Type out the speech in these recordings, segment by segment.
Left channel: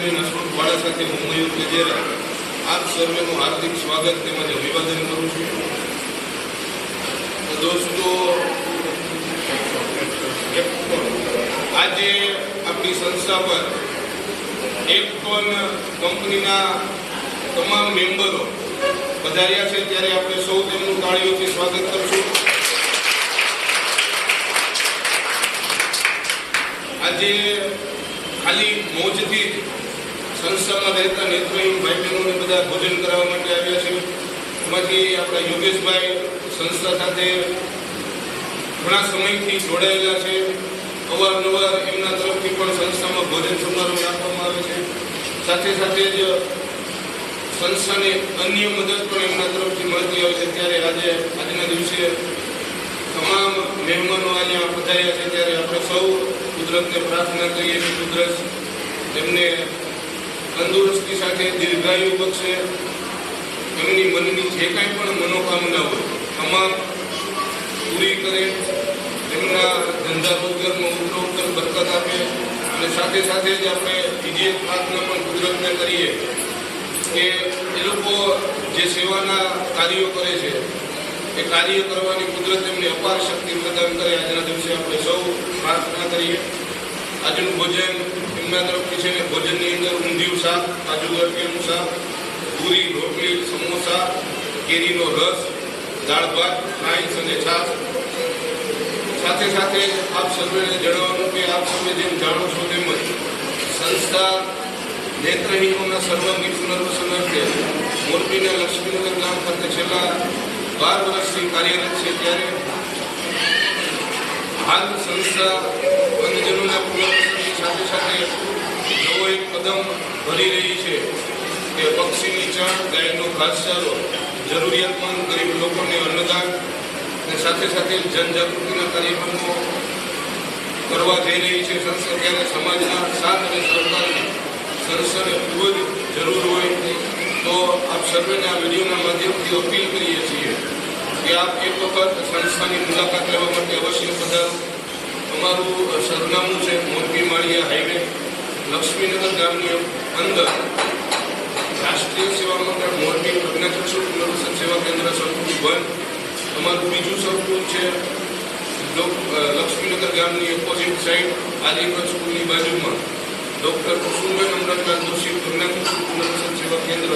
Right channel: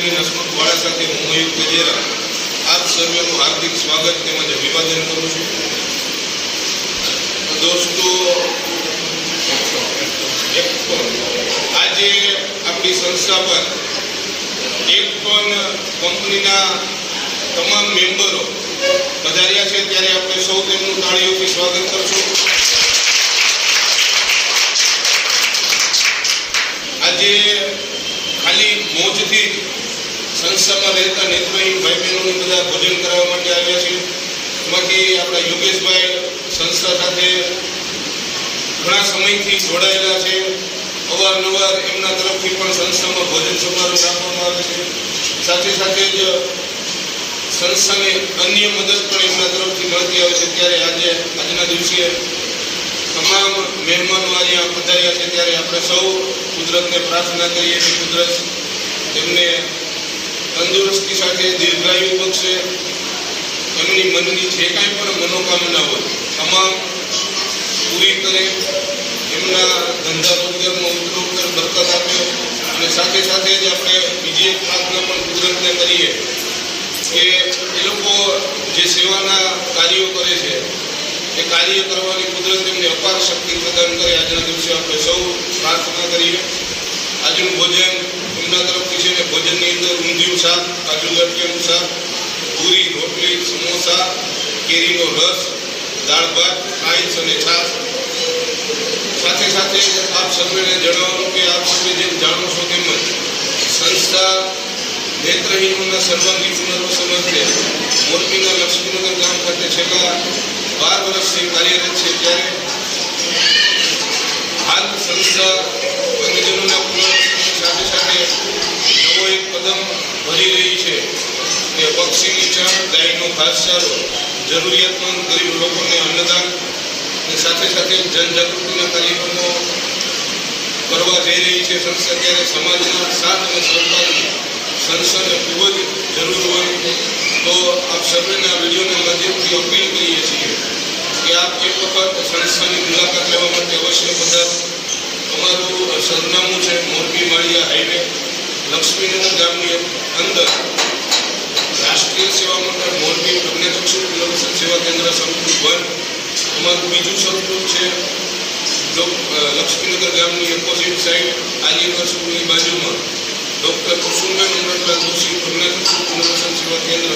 Cameraman Hasmukh વાળા સાથે હું મયુર ગજેરા આપ સર્વેનું હાર્દિક સ્વાગત તેમજ અભિવાદન કરું છું. દોસ્તો, આજે આપણી સંસ્થા પર એકટોન કંપનીના તમામ મેમ્બરો પધાર્યા છે, ત્યારે આપણે સૌ તેમનું તાળીઓથી સ્વાગત કરશું. આજે ખાલી મોજથી જ સંસ્થામાં રહેતા નેત્રહીન ભાઈ બહેનોને બધા ભોજન કરાવવા માટે આવ્યા છે. એમાંથી આપણા યોગેશભાઈ સંસ્થા સાથે ઘણા સમયથી જોડાયેલા છે. અવારનવાર એમના તરફથી પણ સંસ્થામાં ભોજન સમારોહ રાખવામાં આવે છે. સાથે સાથે જ સંસ્થાને અન્ય મદદ પણ એમના તરફથી મળતી આવે છે. ત્યારે આજના દિવસે તમામ મહેમાનો અહીંયા પધાર્યા છે, ત્યારે આપણે સૌ કુદરતને પ્રાર્થના કરીએ કે કુદરત એમને તંદુરસ્તી સાથે દીર્ઘાયુ બક્ષે, એમની મનની જે કાંઈ પણ મનોકામના હોય તમામ પૂરી કરે, એમના ધંધા રોજગારમાં ઉત્તરોત્તર બરકત આપે. અને સાથે સાથે જ આપણે બીજી એક પ્રાર્થના પણ કુદરતને કરીએ કે એ લોકો જે સેવાના કાર્યો કરે છે એ કાર્ય કરવાની કુદરત એમને અપાર શક્તિ પ્રદાન કરે. આજના દિવસે આપણે સૌ પ્રાર્થના કરીએ. આજનું ભોજન એમના તરફથી છે. ભોજનની અંદર ઊંધિયું શાક, કાજુ ગઠિયાનું શાક, પૂરી, રોટલી, સમોસા, કેરીનો રસ, દાળ ભાત, રાઈસ અને છાશ. સાથે સાથે આપ સર્વેને જણાવવાનું કે આપ સર્વે જેમ જાણો છો તેમજ સંસ્થા નેત્રહીનોના સર્વાંગી પુનર્વસન અર્થે મોરબીના લક્ષ્મીનગર ગામ ખાતે છેલ્લા 12 વર્ષથી કાર્યરત છે. ત્યારે હાલ સંસ્થા અંગજનોના પુનર્વસનની સાથે સાથે નવો એક કદમ ભરી રહી છે કે પક્ષીની ચણ, ગાયનો ઘાસચારો, જરૂરિયાતમંદ ગરીબ લોકોને અન્નદાન અને સાથે સાથે જનજાગૃતિના કાર્યક્રમો કરવા જઈ રહી છે સંસ્થા. ત્યારે સમાજના સાથ અને સહકારની સંસ્થાને ખૂબ જ જરૂર હોય તો આપ સર્વેને આ વિડીયોના માધ્યમથી અપીલ કરીએ છીએ કે આપ એક વખત સંસ્થાની મુલાકાત લેવા માટે અવશ્ય પધારો. અમારું સરનામું છે મોરબી માળિયા હાઈવે, લક્ષ્મીનગર ગામની અંદર, રાષ્ટ્રીય સેવા મંડળ મોરબી પ્રજ્ઞાચક્ષુ પુનર્વસન સેવા કેન્દ્ર સંકુલ 1. અમારું બીજું સંકુલ છે લક્ષ્મીનગર ગામની ઓપોઝિટ સાઈડ આર્યગર સ્કૂલની બાજુમાં ડૉક્ટર કુસુમબેન અમૃતલાલ જોશી પ્રજ્ઞાચક્ષુ પુનર્વસન સેવા કેન્દ્ર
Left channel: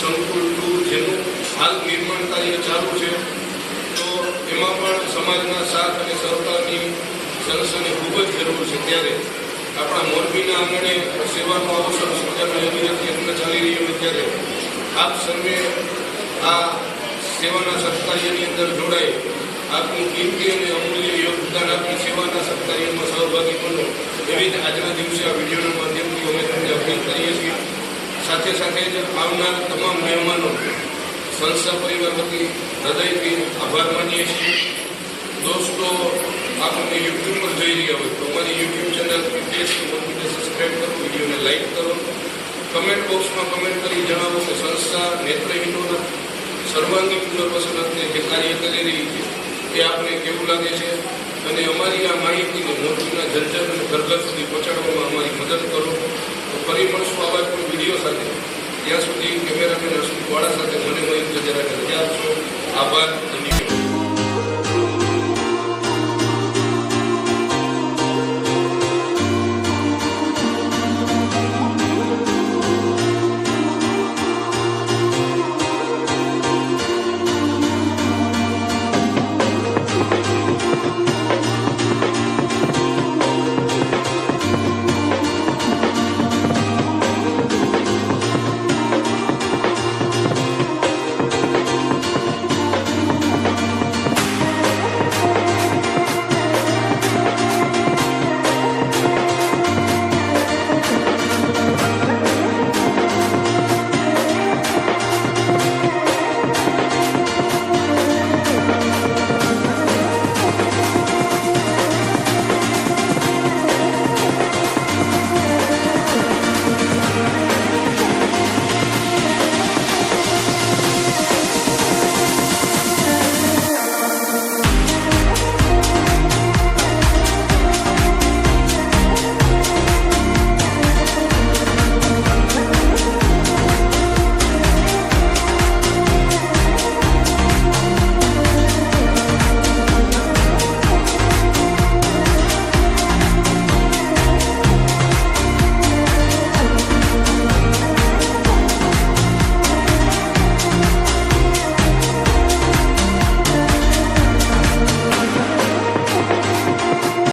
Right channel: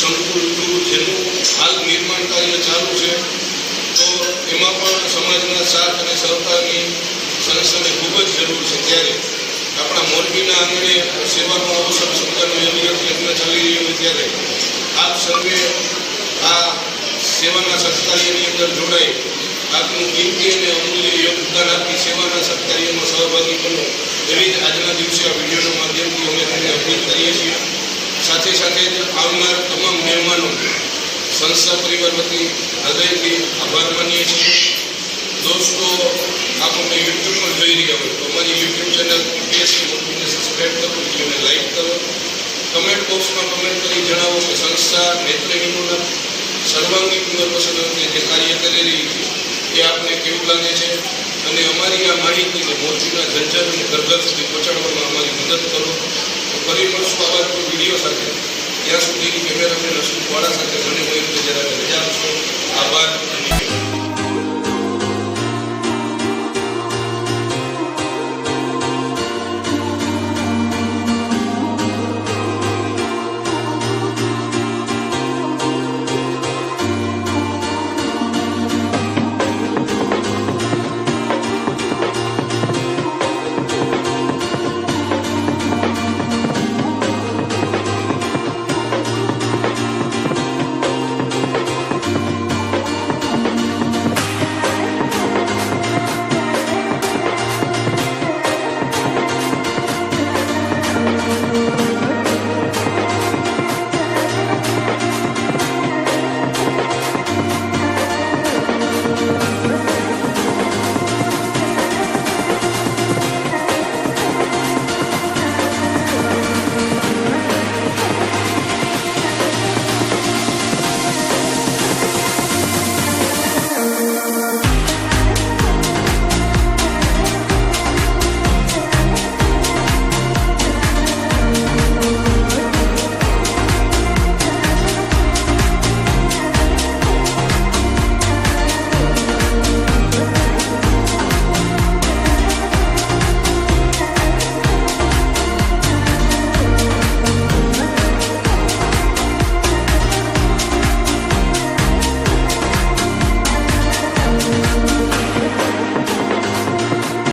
સંકુલ 2, જેનું હાલ નિર્માણ કાર્ય ચાલુ છે. તો એમાં પણ સમાજના સાથ અને સહકારની સંસ્થાને ખૂબ જ જરૂર છે. ત્યારે આપણા મોરબીના આંગણે સેવાનો આવો સરસ મજાનો યોગી યજ્ઞ ચાલી રહ્યો હોય ત્યારે આપ સર્વે આ સેવાના સત્કાર્યની અંદર જોડાઈ આપનું કિંમતી અને અમૂલ્ય યોગદાન આપી સેવાના સત્કાર્યમાં સહભાગી બનો, એવી જ આજના દિવસે આ વિડીયોના માધ્યમથી અમે તમને અપીલ કરીએ છીએ. સાથે સાથે જ આવનાર તમામ મહેમાનો સંસ્થા પરિવાર વતી હૃદયથી આભાર માનીએ છીએ. દોસ્તો, આપ અમને યુટ્યુબ પર જોઈ રહ્યા હોય તો અમારી યુટ્યુબ ચેનલ પીપીએસસી મોરબીને સબસ્ક્રાઈબ કરો, વિડીયોને લાઈક કરો, કમેન્ટ બોક્સમાં કમેન્ટ કરી જણાવો કે સંસ્થા નેત્રહીનોના સર્વાંગી પુનર્વસન અંગે જે કાર્ય કરી રહી છે એ આપને કેવું લાગે છે, અને અમારી આ માહિતીને મોરબીના જનજન અને ઘર સુધી પહોંચાડવામાં અમારી મદદ કરો. તો ફરી મળશું આવા કોઈ વિડીયો સાથે. ત્યાં સુધી કેમેરામેન હસમુખ વાળા સાથે મને મયુર ગજેરાને રજા આપશો. આભાર. ધન્યવાદ.